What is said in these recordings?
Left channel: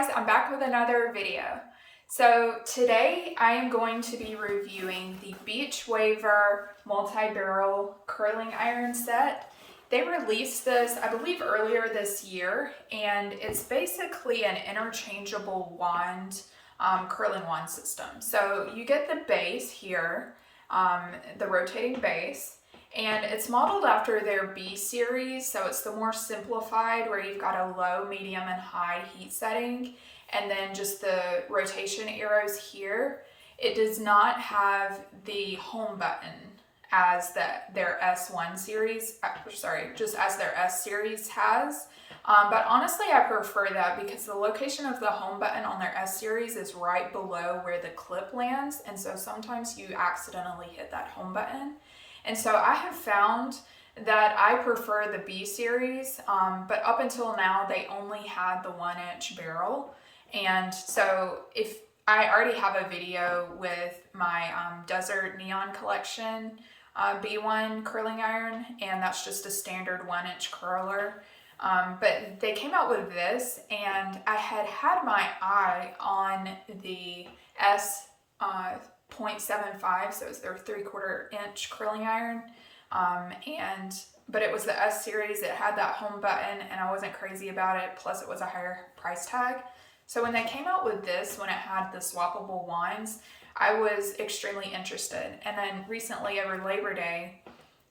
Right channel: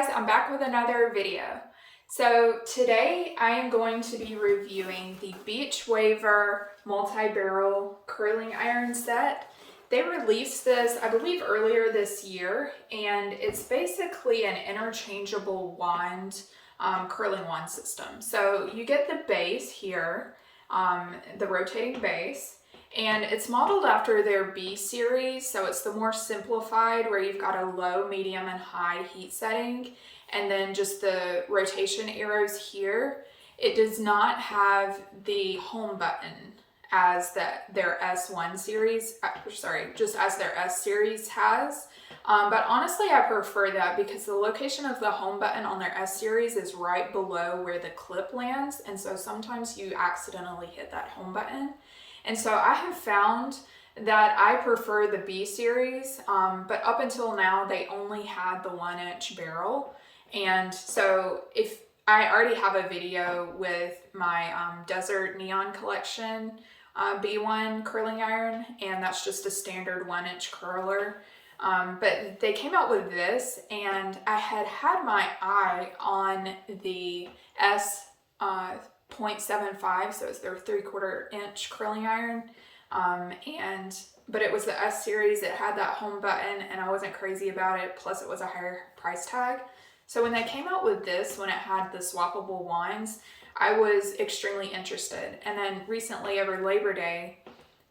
guys, I'm back with another video. So today I am going to be reviewing the Beachwaver Multi Barrel Curling Iron set. They released this, I believe, earlier this year, and it's basically an interchangeable wand, curling wand system. So you get the base here, the rotating base, and it's modeled after their B series, so it's the more simplified where you've got a low, medium, and high heat setting, and then just the rotation arrows here. It does not have the home button as their S1 series, just as their S series has. But honestly, I prefer that because the location of the home button on their S series is right below where the clip lands, and so sometimes you accidentally hit that home button. And so I have found that I prefer the B series, but up until now they only had the 1-inch barrel. And so if I already have a video with my Desert Neon Collection B1 curling iron, and that's just a standard 1-inch curler. But they came out with this, and I had my eye on the S 0.75, so it's their 3/4 inch curling iron, but it was the S series. It had that home button, and I wasn't crazy about it, plus it was a higher price tag. So when they came out with this, when it had the swappable wands, I was extremely interested. And then recently, over Labor Day,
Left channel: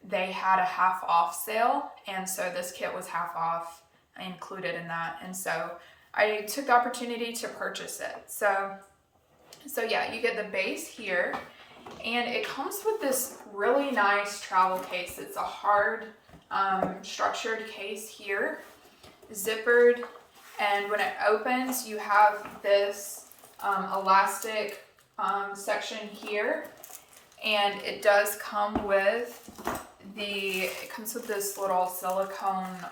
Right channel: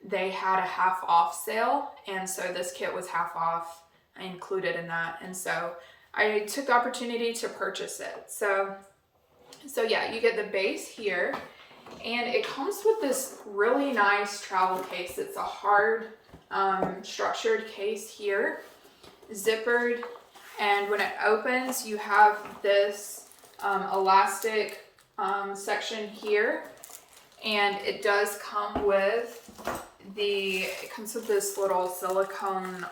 they had a half off sale, and so this kit was half off included in that, and so I took the opportunity to purchase it. So yeah, you get the base here, and it comes with this really nice travel case. It's a hard structured case here, zippered, and when it opens you have this elastic section here, and it does come with this little silicone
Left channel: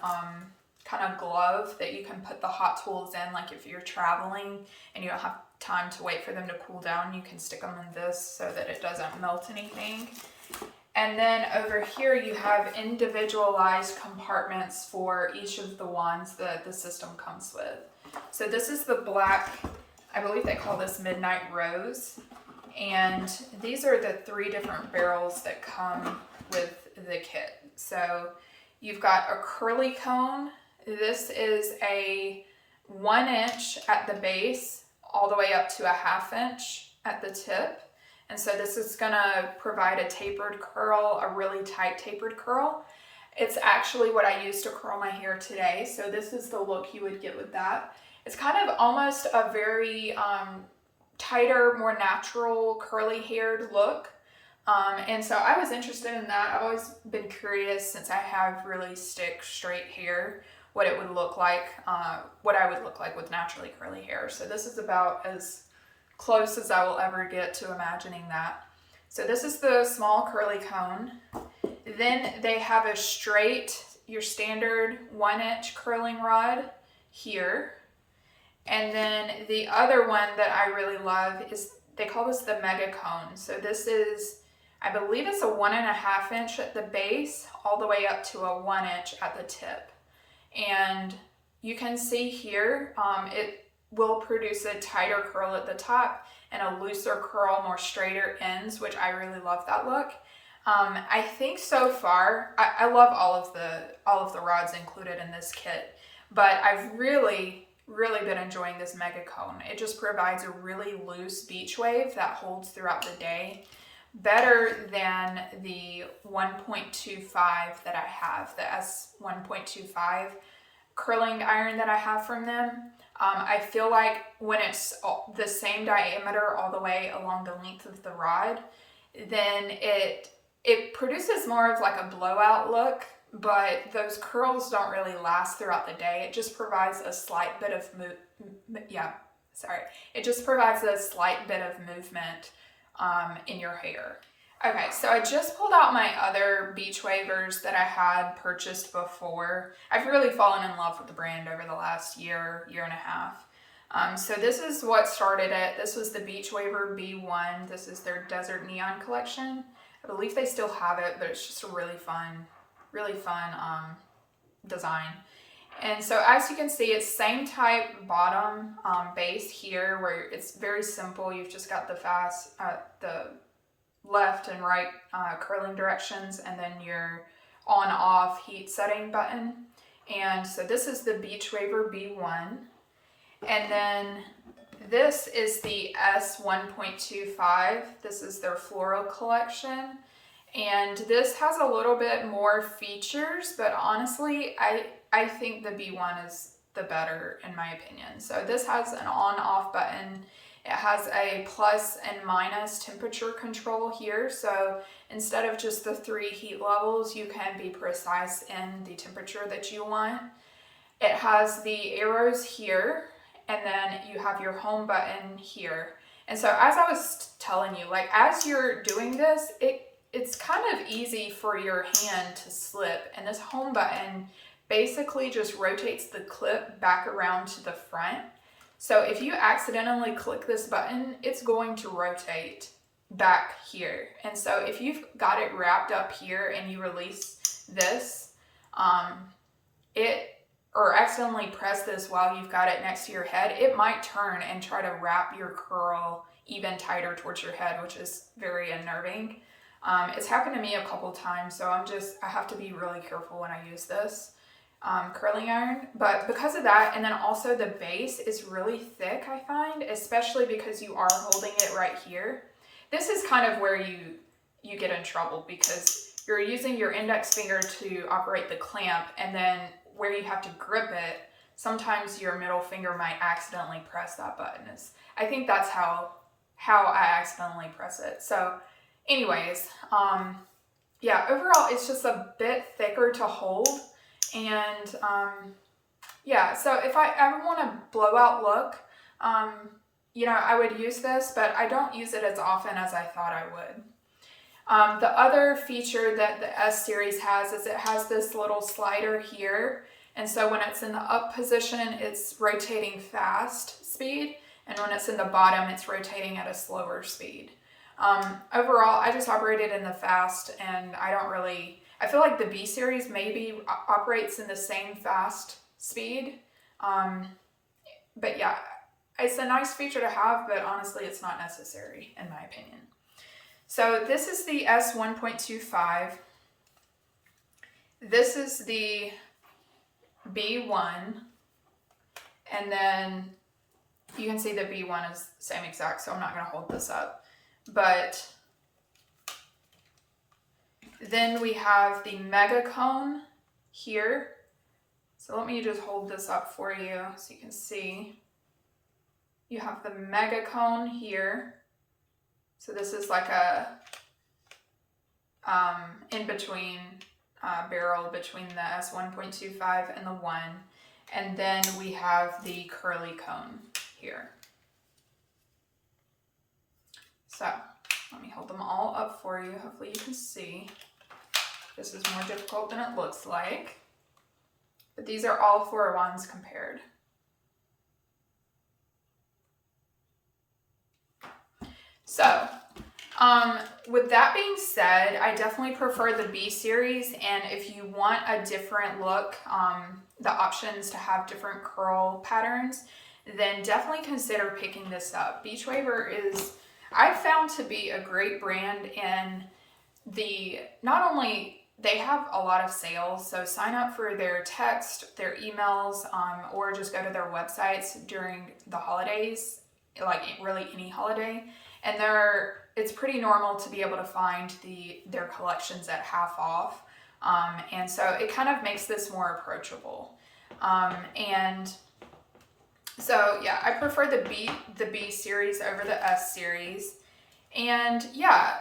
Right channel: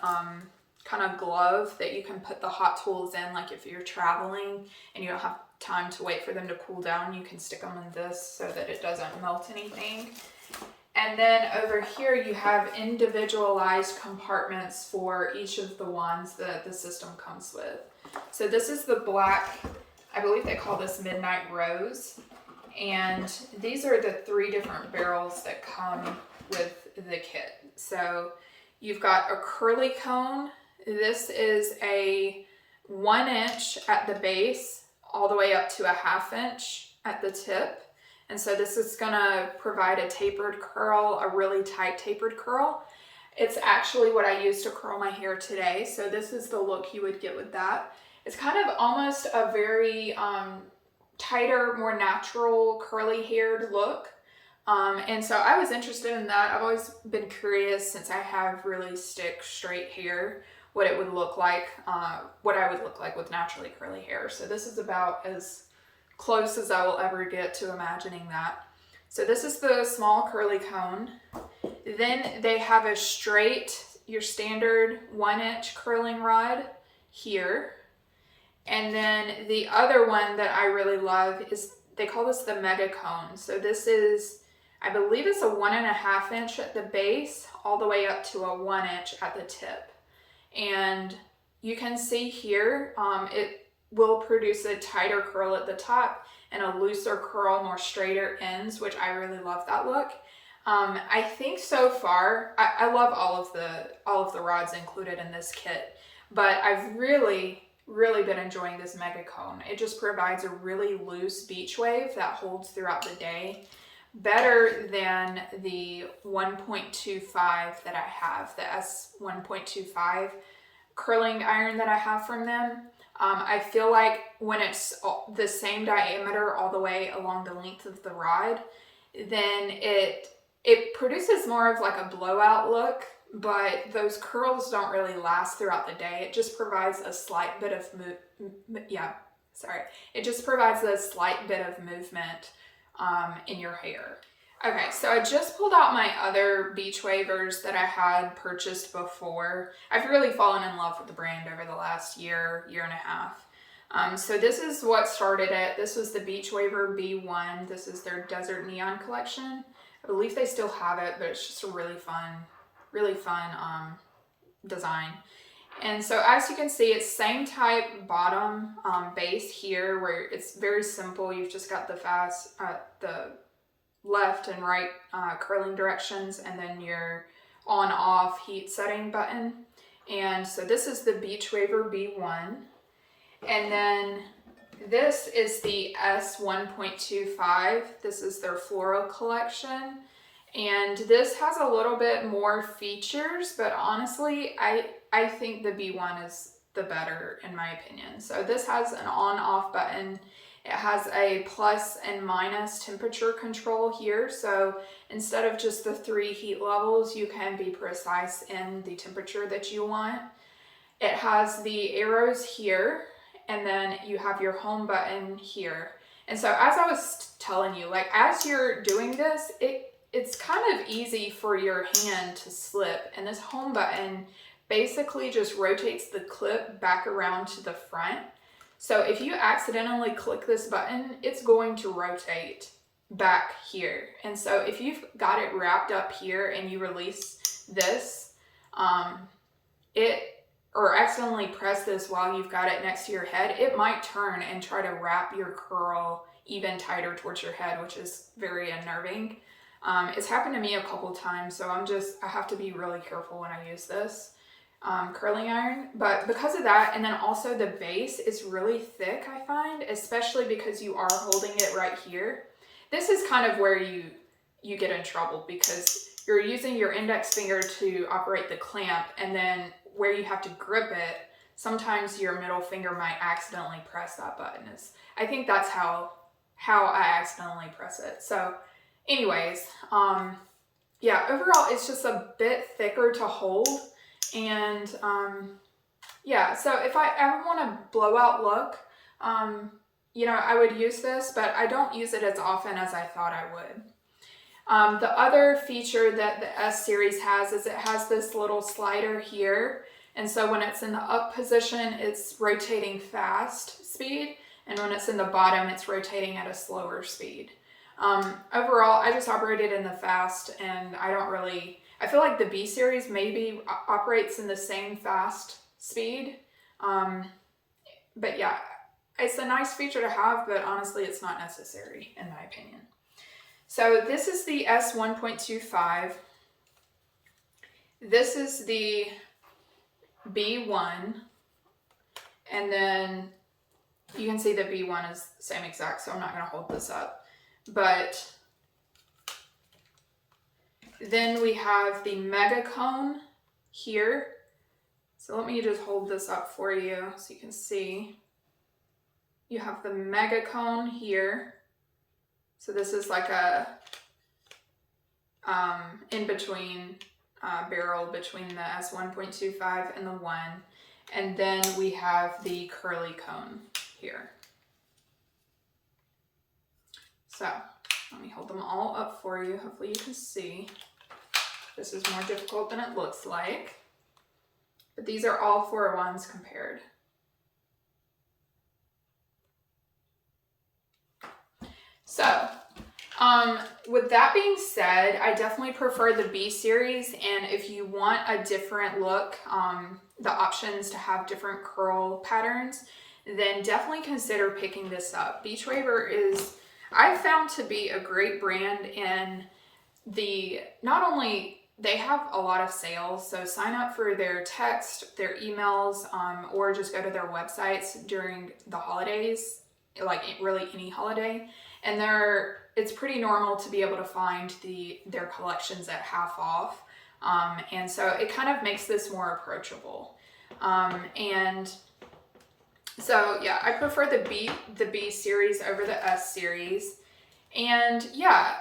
kind of glove that you can put the hot tools in, like if you're traveling and you don't have time to wait for them to cool down, you can stick them in this so that it doesn't melt anything. And then over here you have individualized compartments for each of the wands that the system comes with. So this is the black, I believe they call this Midnight Rose, and these are the 3 different barrels that come with the kit. So you've got a curly cone. This is a 1-inch at the base all the way up to a 1/2 inch at the tip. And so this is gonna provide a tapered curl, a really tight tapered curl. It's actually what I used to curl my hair today. So this is the look you would get with that. It's kind of almost a very tighter, more natural curly haired look. And so I was interested in that. I've always been curious, since I have really straight hair, what it would look like, what I would look like with naturally curly hair. So this is about as close as I will ever get to imagining that. So this is the small curly cone. Then they have a straight, your standard 1-inch curling rod here. And then the other one that I really love is, they call this the mega cone. So this is, I believe it's a 1.5 inch at the base, all the way up to a 1-inch at the tip. And you can see here, it will produce a tighter curl at the top and a looser curl, more straighter ends, which I really love that look. I think so far, I love all of the rods included in this kit, but I've really been enjoying this mega cone. It just provides a really loose beach wave that holds throughout the day, better than the 1.25 that I have, the S 1.25 curling iron that I have from them. I feel like when it's the same diameter all the way along the length of the rod, then it produces more of like a blowout look, but those curls don't really last throughout the day. It just provides a slight bit of it just provides a slight bit of movement in your hair. Okay, so I just pulled out my other Beachwavers that I had purchased before. I've really fallen in love with the brand over the last year and a half. So this is what started it. This was the Beachwaver B1. This is their Desert Neon Collection. I believe they still have it, but it's just a really fun design. And so as you can see, it's same type bottom base here, where it's very simple. You've just got the left and right curling directions, and then your on off heat setting button. And so this is the Beachwaver B1. And then this is the S1.25. This is their Floral collection. And this has a little bit more features, but honestly, I think the B1 is the better in my opinion. So this has an on-off button. It has a plus and minus temperature control here. So instead of just the 3 heat levels, you can be precise in the temperature that you want. It has the arrows here, and then you have your home button here. And so as I was telling you, like as you're doing this, it's kind of easy for your hand to slip, and this home button basically just rotates the clip back around to the front. So if you accidentally click this button, it's going to rotate back here. And so if you've got it wrapped up here and you release this, or accidentally press this while you've got it next to your head, it might turn and try to wrap your curl even tighter towards your head, which is very unnerving. It's happened to me a couple times, so I have to be really careful when I use this curling iron. But because of that, and then also the base is really thick, I find, especially because you are holding it right here. This is kind of where you get in trouble, because you're using your index finger to operate the clamp, and then where you have to grip it, sometimes your middle finger might accidentally press that button. I think that's how I accidentally press it. So anyways, yeah, overall it's just a bit thicker to hold. And yeah, so if I ever want a blowout look, you know, I would use this, but I don't use it as often as I thought I would. The other feature that the S series has is it has this little slider here. And so when it's in the up position, it's rotating fast speed. And when it's in the bottom, it's rotating at a slower speed. Overall, I just operated in the fast, and I feel like the B series maybe operates in the same fast speed. But yeah, it's a nice feature to have, but honestly, it's not necessary in my opinion. So this is the S1.25. This is the B1. And then you can see the B1 is the same exact, so I'm not going to hold this up. But then we have the mega cone here. So let me just hold this up for you so you can see. You have the mega cone here. So this is like a in-between barrel between the S1.25 and the 1. And then we have the curly cone here. So let me hold them all up for you. Hopefully you can see. This is more difficult than it looks like. But these are all 4 wands compared. So, with that being said, I definitely prefer the B series, and if you want a different look, the options to have different curl patterns, then definitely consider picking this up. Beachwaver is, I've found to be a great brand, and not only they have a lot of sales, so sign up for their text, their emails, or just go to their websites during the holidays, like really any holiday. And it's pretty normal to be able to find their collections at half off. And so it kind of makes this more approachable. And so yeah, I prefer the B series over the S series. And yeah,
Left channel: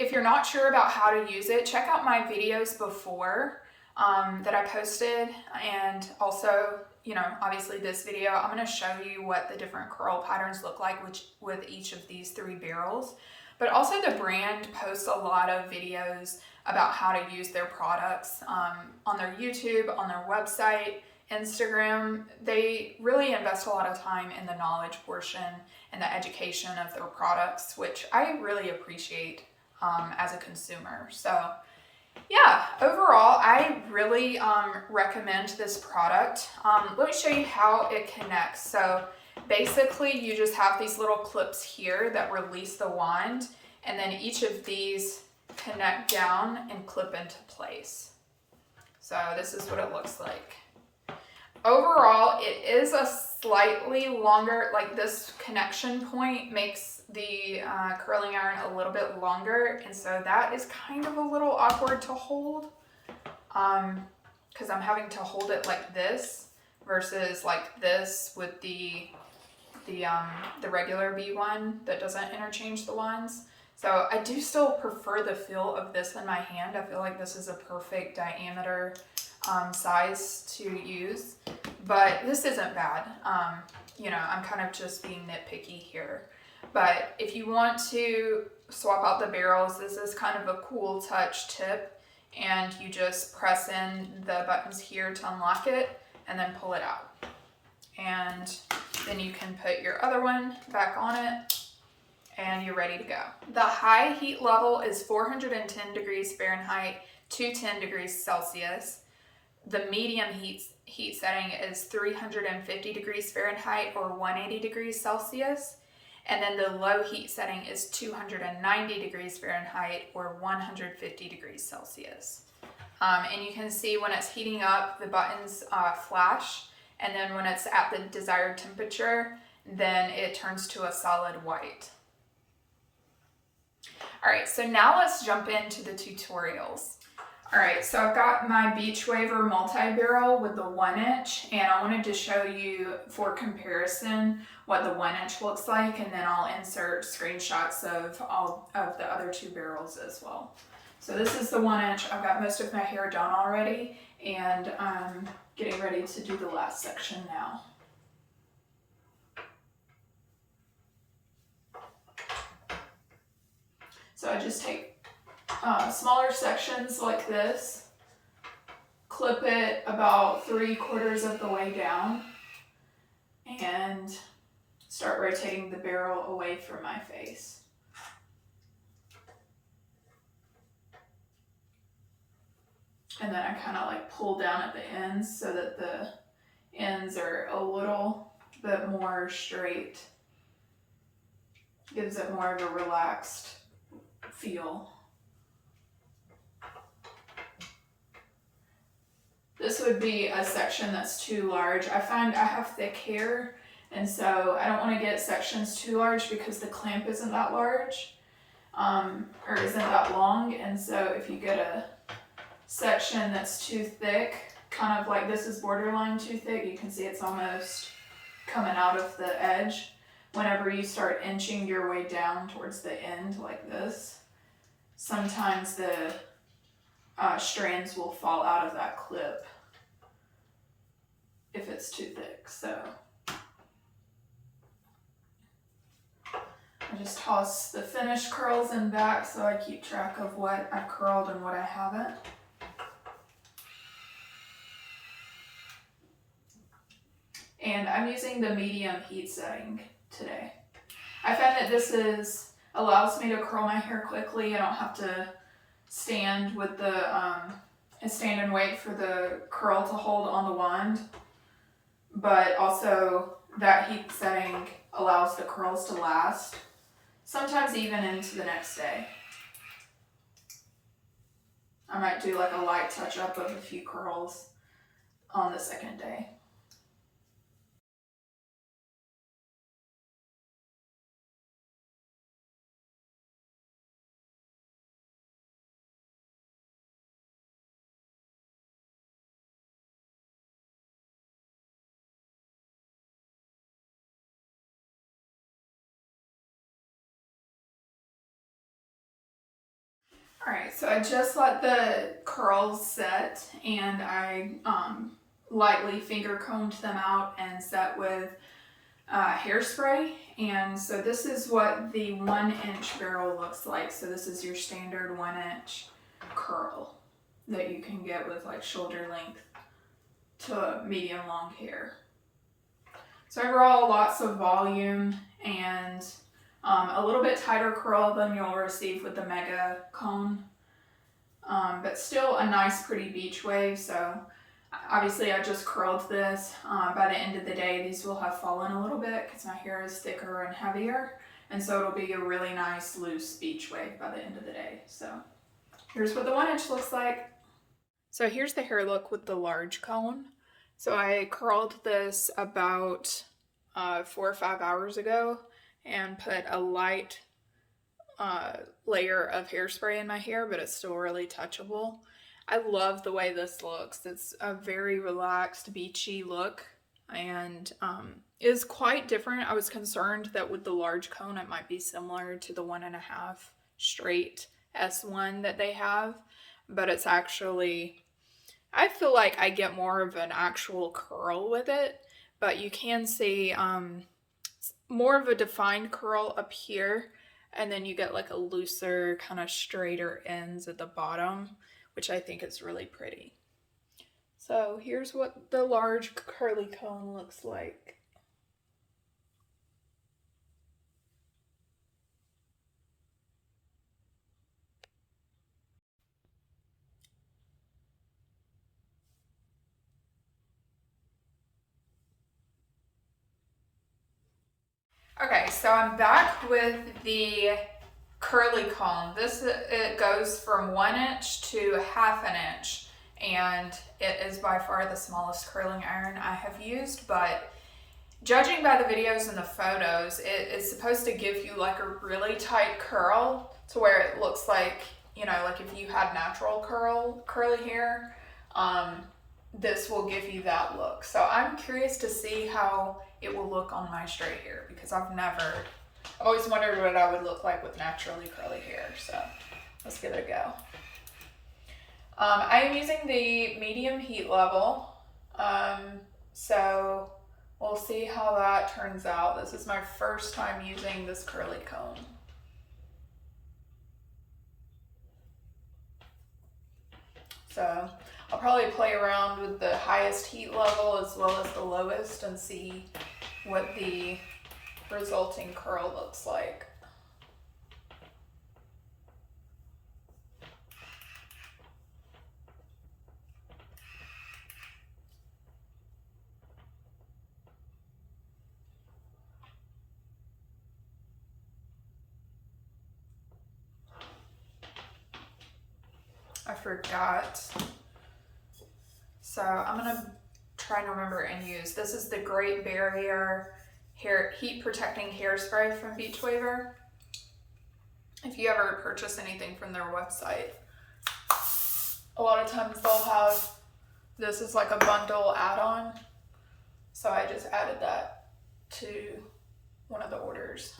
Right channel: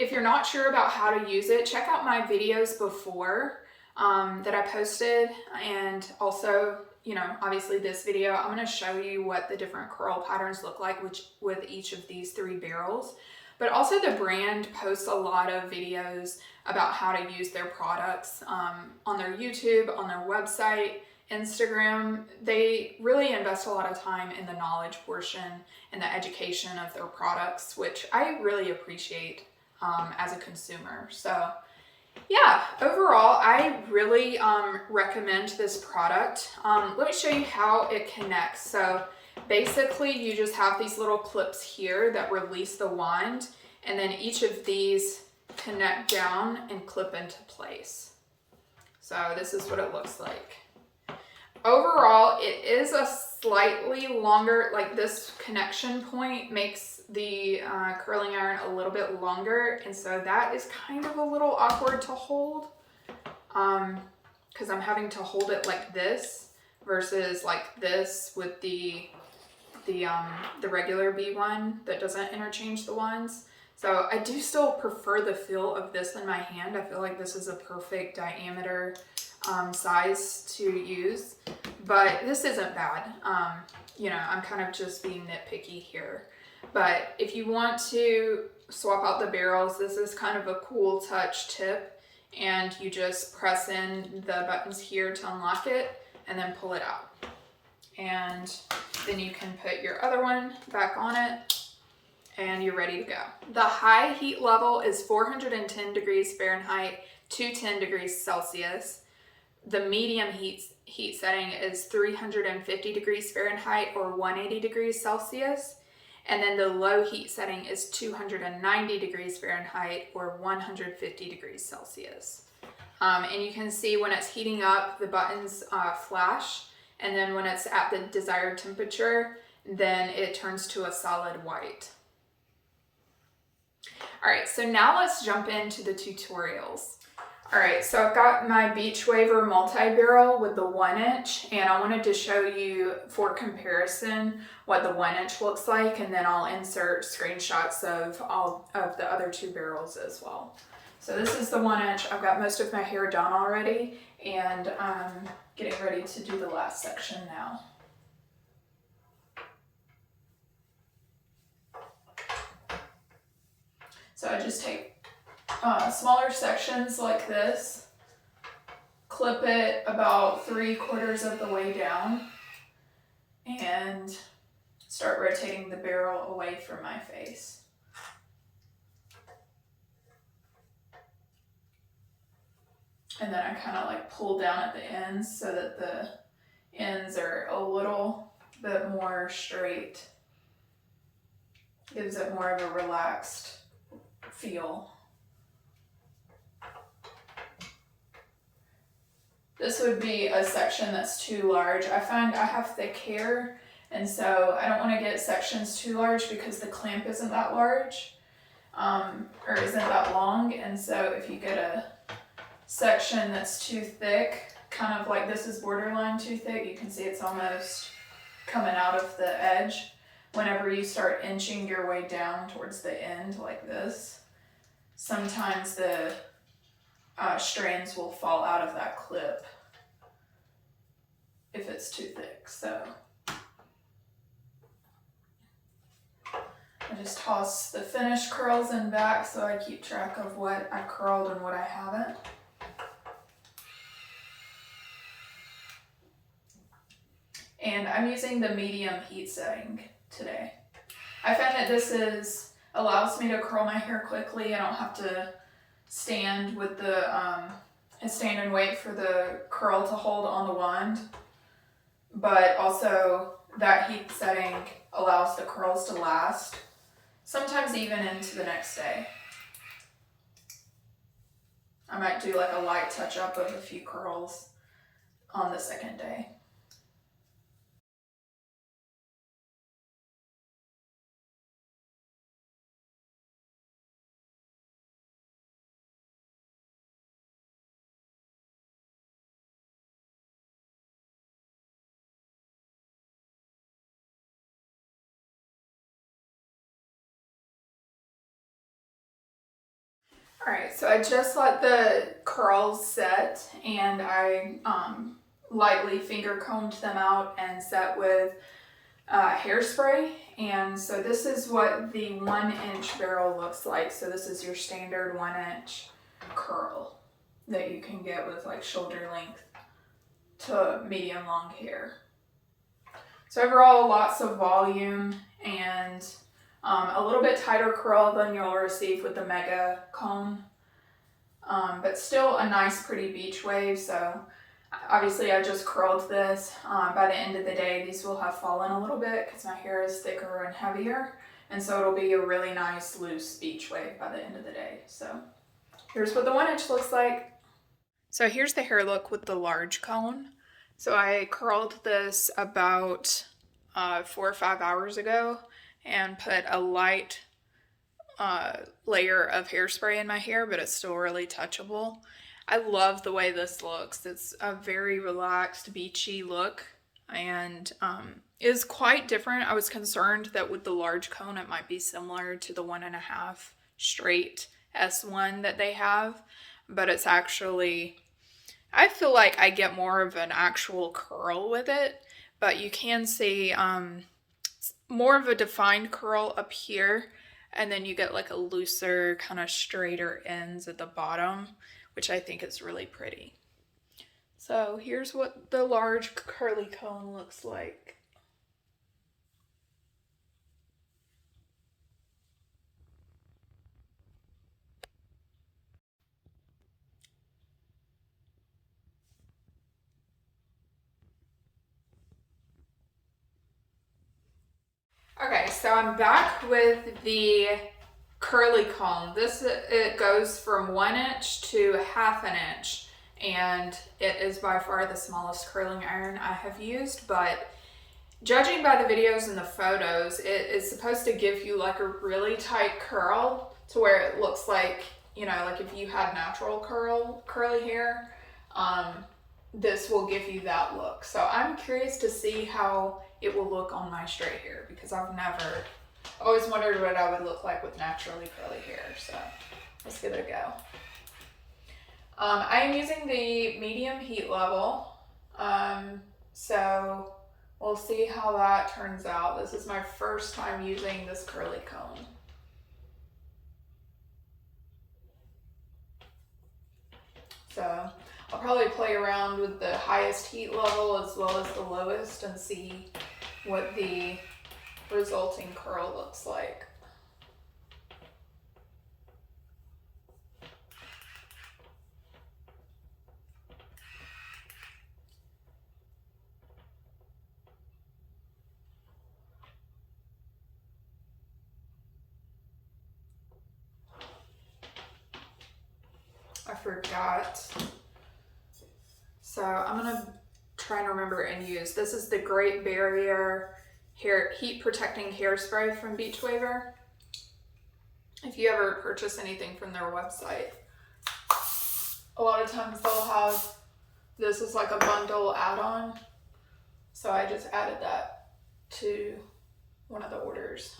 if you're not sure about how to use it, check out my videos before that I posted, and also, you know, obviously this video, I'm going to show you what the different curl patterns look like with each of these 3 barrels. But also the brand posts a lot of videos about how to use their products on their YouTube, on their website, Instagram. They really invest a lot of time in the knowledge portion and the education of their products, which I really appreciate as a consumer. So Yeah, overall, I really recommend this product. Let me show you how it connects. So basically, you just have these little clips here that release the wand, and then each of these connect down and clip into place. So this is what it looks like. Overall, it is a slightly longer, like this connection point makes the curling iron a little bit longer, and so that is kind of a little awkward to hold because I'm having to hold it like this versus like this with the regular B1 that doesn't interchange the wands. So I do still prefer the feel of this in my hand. I feel like this is a perfect diameter size to use, but this isn't bad. You know, I'm kind of just being nitpicky here. But if you want to swap out the barrels, this is kind of a cool touch tip, and you just press in the buttons here to unlock it and then pull it out. And then you can put your other one back on it and you're ready to go. The high heat level is 410 degrees Fahrenheit to 10 degrees Celsius. The medium heat setting is 350 degrees Fahrenheit or 180 degrees Celsius. And then the low heat setting is 290 degrees Fahrenheit or 150 degrees Celsius. And you can see when it's heating up, the buttons flash. And then when it's at the desired temperature, then it turns to a solid white. All right, so now let's jump into the tutorials. All right, so I've got my Beachwaver Multi Barrel with the 1-inch, and I wanted to show you for comparison what the 1-inch looks like, and then I'll insert screenshots of all of the other 2 barrels as well. So this is the 1-inch. I've got most of my hair done already, and I'm getting ready to do the last section now. So I just take smaller sections like this, clip it about 3/4 of the way down, and start rotating the barrel away from my face. And then I kind of like pull down at the ends so that the ends are a little bit more straight. Gives it more of a relaxed feel. This would be a section that's too large. I find I have thick hair, and so I don't want to get sections too large because the clamp isn't that large, or isn't that long. And so if you get a section that's too thick, kind of like this is borderline too thick, you can see it's almost coming out of the edge. Whenever you start inching your way down towards the end like this, sometimes the strands will fall out of that clip if it's too thick. So I just toss the finished curls in back so I keep track of what I've curled and what I haven't. And I'm using the medium heat setting today. I find that this allows me to curl my hair quickly. I don't have to stand with the stand and wait for the curl to hold on the wand, but also that heat setting allows the curls to last, sometimes even into the next day. I might do like a light touch up of a few curls on the second day. All right, so I just let the curls set, and I lightly finger combed them out and set with hairspray. And so this is what the 1-inch barrel looks like. So this is your standard 1-inch curl that you can get with like shoulder length to medium long hair. So overall, lots of volume and a little bit tighter curl than you'll receive with the Mega Cone. but still a nice pretty beach wave. So obviously I just curled this. By the end of the day, these will have fallen a little bit because my hair is thicker and heavier. And so it'll be a really nice loose beach wave by the end of the day. So here's what the 1 inch looks like. So here's the hair look with the large cone. So I curled this about 4 or 5 hours ago and put a light layer of hairspray in my hair, but it's still really touchable. I love the way this looks. It's a very relaxed, beachy look and is quite different. I was concerned that with the large cone it might be similar to the 1.5 straight S1 that they have, but it's actually, I feel like I get more of an actual curl with it, but you can see more of a defined curl up here, and then you get like a looser, kind of straighter ends at the bottom, which I think is really pretty. So here's what the large curly cone looks like. Okay, so I'm back with the curly cone. This, it goes from 1 inch to 1/2 inch, and it is by far the smallest curling iron I have used, but judging by the videos and the photos, it is supposed to give you like a really tight curl to where it looks like, you know, like if you had natural curly hair, this will give you that look. So I'm curious to see how it will look on my straight hair, because I've always wondered what I would look like with naturally curly hair. So let's give it a go. I am using the medium heat level. So we'll see how that turns out. This is my first time using this curly comb. So I'll probably play around with the highest heat level as well as the lowest and see what the resulting curl looks like. I forgot. So I'm gonna try and remember and use. This is the Great Barrier Heat Protecting Hairspray from Beachwaver. If you ever purchase anything from their website, a lot of times they'll have this is like a bundle add-on. So I just added that to one of the orders.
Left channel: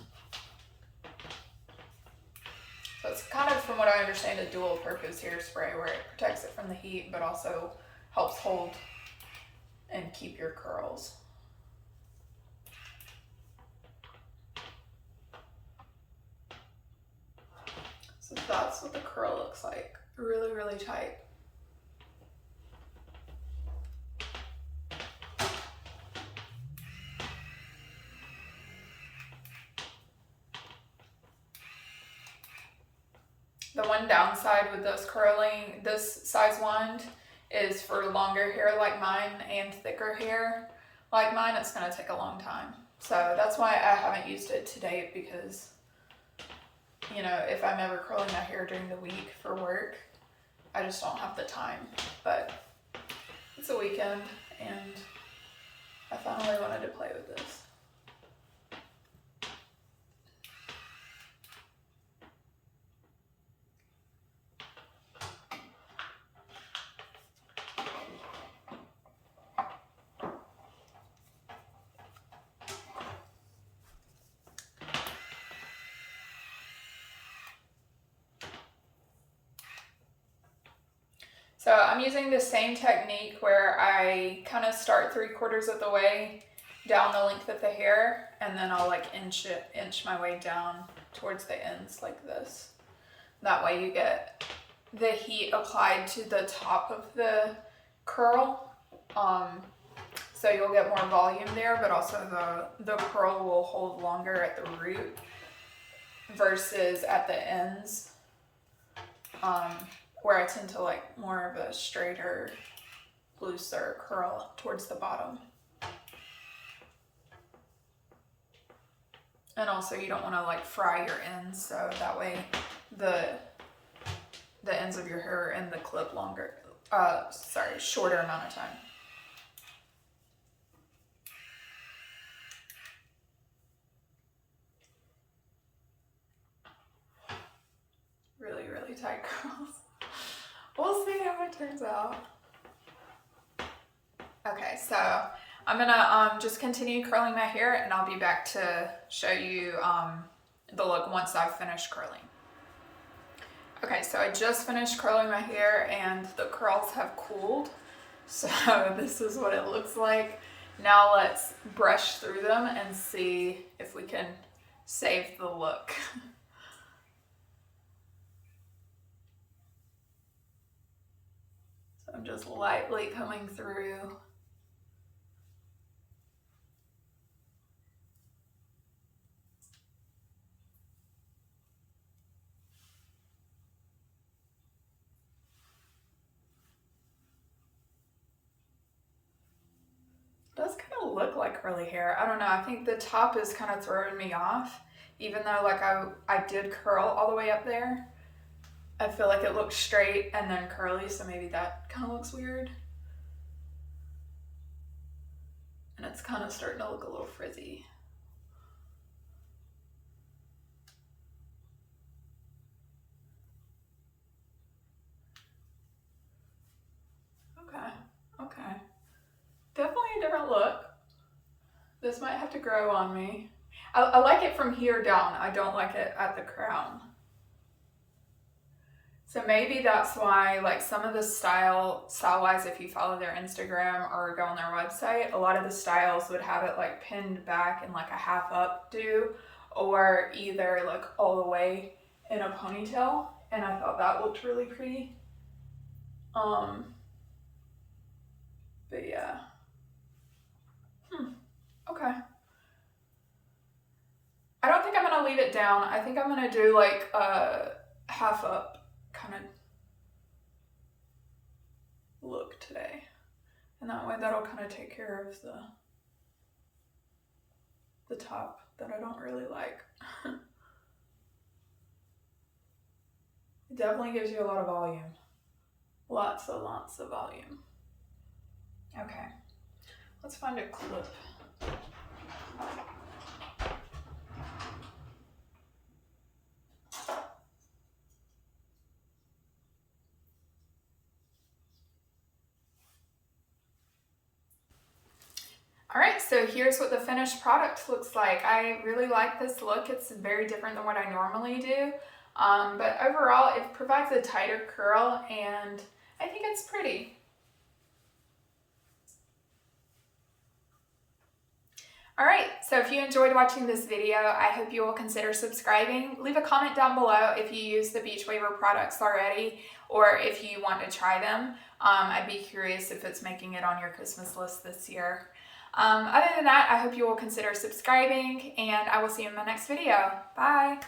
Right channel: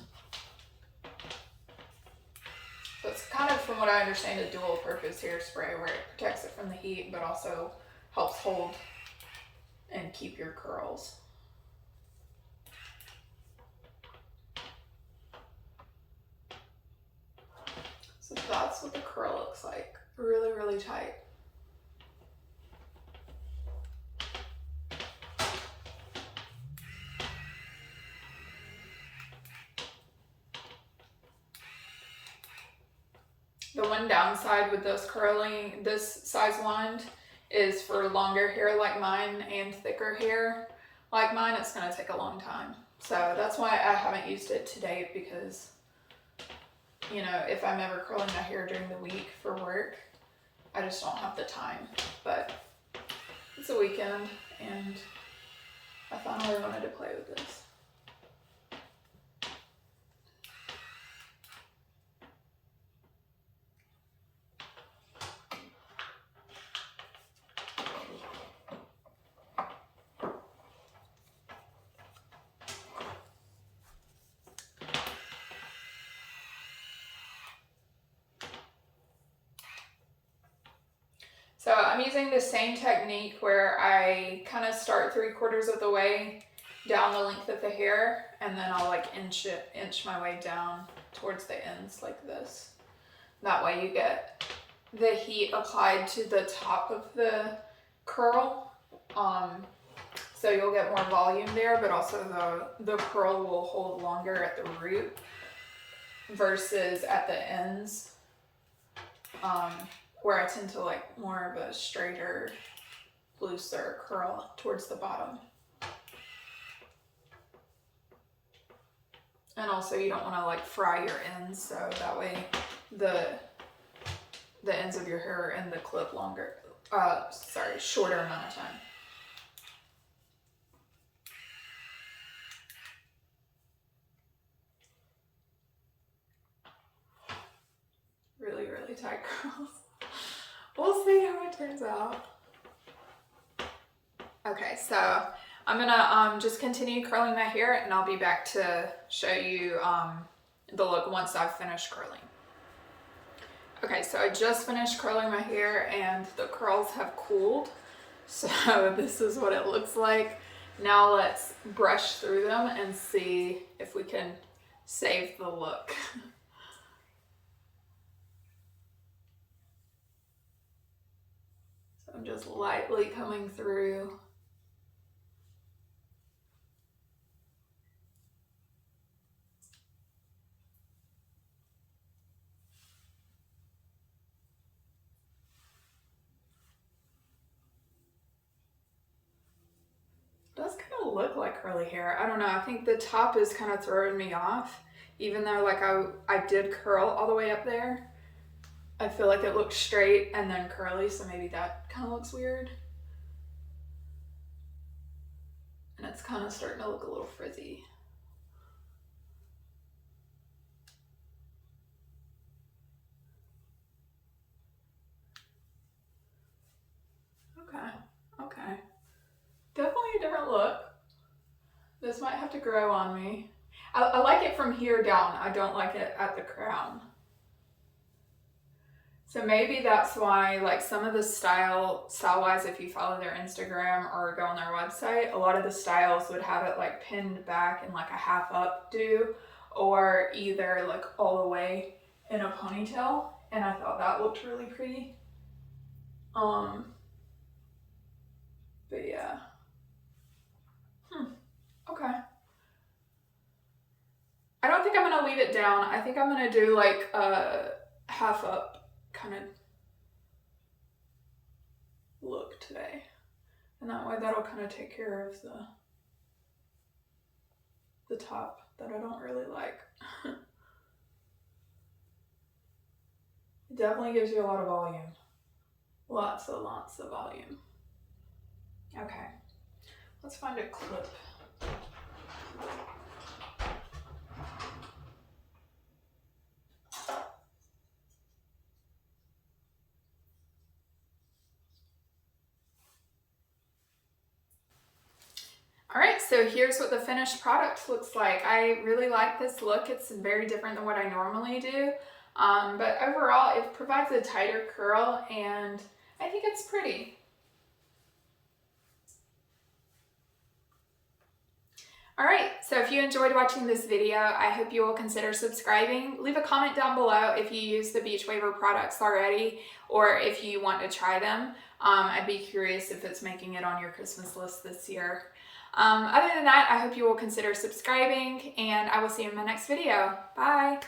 So it's kind of, from what I understand, a dual purpose hairspray where it protects it from the heat but also helps hold and keep your curls. So that's what the curl looks like. Really, really tight. The one downside with this size wand is for longer hair like mine and thicker hair like mine, it's gonna take a long time. So that's why I haven't used it to date, because, you know, if I'm ever curling my hair during the week for work, I just don't have the time. But it's a weekend and I finally wanted to play with this. So I'm using the same technique where I kind of start 3/4 of the way down the length of the hair, and then I'll like inch my way down towards the ends like this. That way you get the heat applied to the top of the curl. So you'll get more volume there, but also the curl will hold longer at the root versus at the ends. where I tend to like more of a straighter, looser curl towards the bottom. And also you don't want to like fry your ends, so that way the ends of your hair are in the clip shorter amount of time. Really, really tight curls. We'll see how it turns out. Okay, so I'm gonna just continue curling my hair, and I'll be back to show you the look once I've finished curling. Okay, so I just finished curling my hair and the curls have cooled. So this is what it looks like. Now let's brush through them and see if we can save the look. So I'm just lightly coming through. Does kind of look like curly hair. I don't know. I think the top is kind of throwing me off, even though like I did curl all the way up there. I feel like it looks straight and then curly, so maybe that kind of looks weird. And it's kind of starting to look a little frizzy. Okay. Definitely a different look. This might have to grow on me. I like it from here down. I don't like it at the crown. So maybe that's why, like, some of the style-wise, if you follow their Instagram or go on their website, a lot of the styles would have it like pinned back in like a half updo, or either like all the way in a ponytail. And I thought that looked really pretty. But yeah. Okay. I don't think I'm gonna leave it down. I think I'm gonna do like a half up kind of look today. And that way that'll kind of take care of the top that I don't really like. It definitely gives you a lot of volume. Lots of volume. Okay, let's find a clip. All right, so here's what the finished product looks like. I really like this look. It's very different than what I normally do. But overall, it provides a tighter curl, and I think it's pretty. All right, so if you enjoyed watching this video, I hope you will consider subscribing. Leave a comment down below if you use the Beachwaver products already, or if you want to try them. I'd be curious if it's making it on your Christmas list this year. Other than that, I hope you will consider subscribing, and I will see you in my next video. Bye!